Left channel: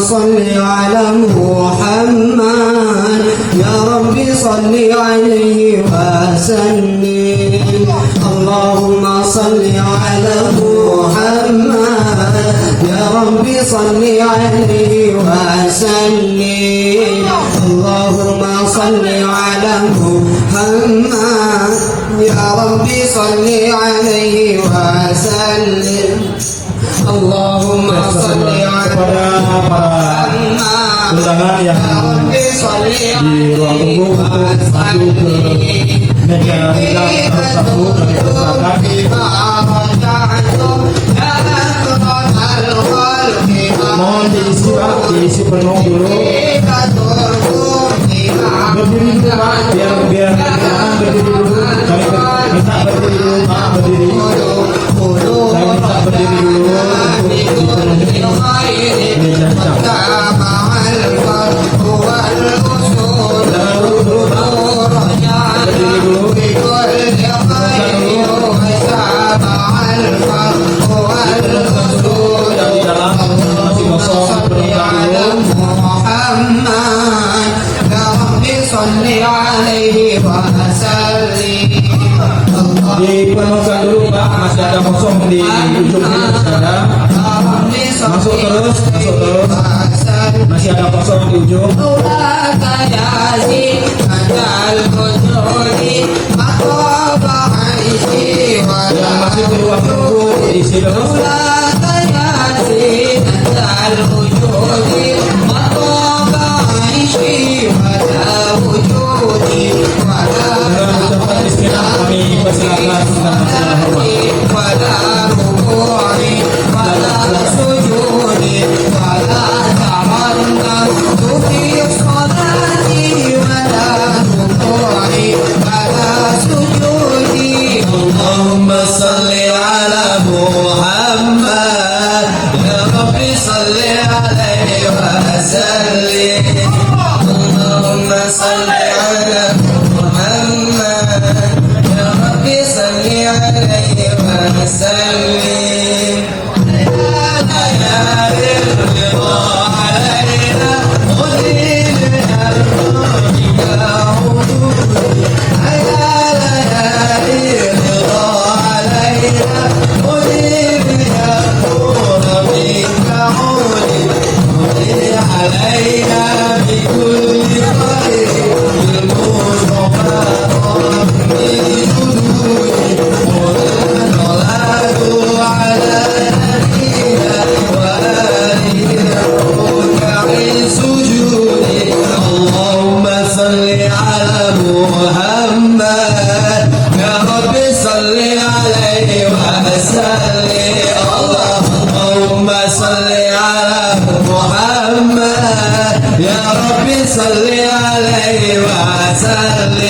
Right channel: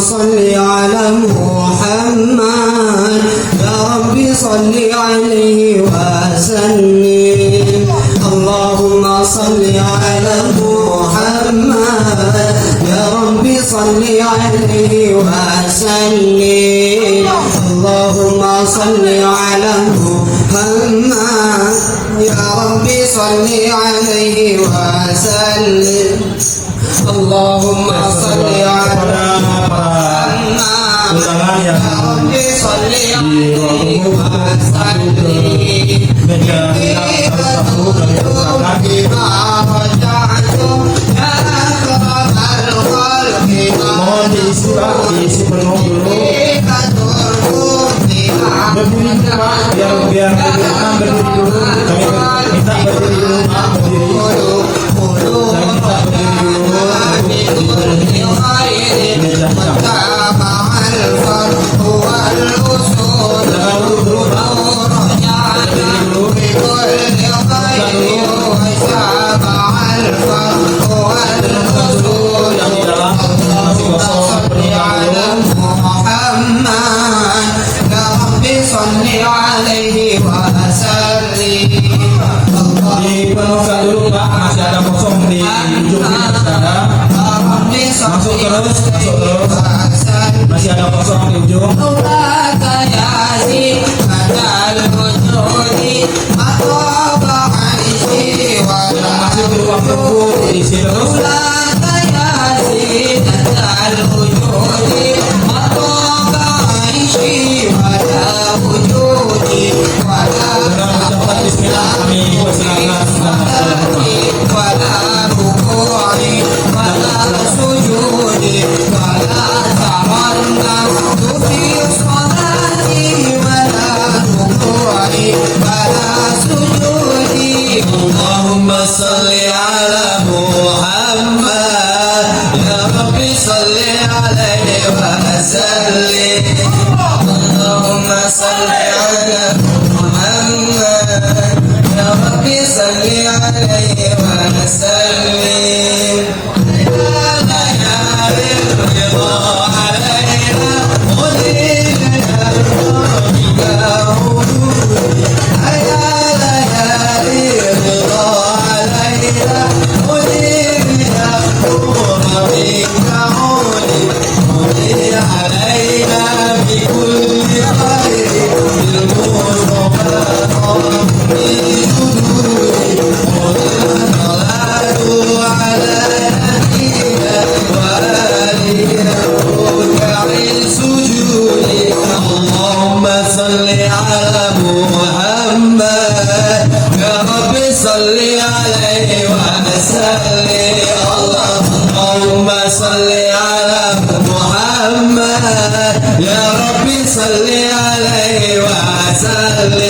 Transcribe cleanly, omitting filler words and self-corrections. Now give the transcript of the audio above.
صل على محمد يا رب صل عليه وسلم اللهم صل على محمد يا رب صل عليه وسلم اللهم صل على محمد يا رب صل عليه وسلم اللهم صل على undangan yang di ruang tunggu sambil ke meja tamu kami persilakan mohon diisi penuh dulu berdiri juga biar berdiri dulu kami minta berdiri dulu saya minta berdiri dulu untuk dipenuhi meja tamu. Dipenuhkan dulu Pak, masih ada kosong di ujung sini masuk terus masih ada kosong di ujung yang masih di ruang tunggu diisi terus صل عليه وسلم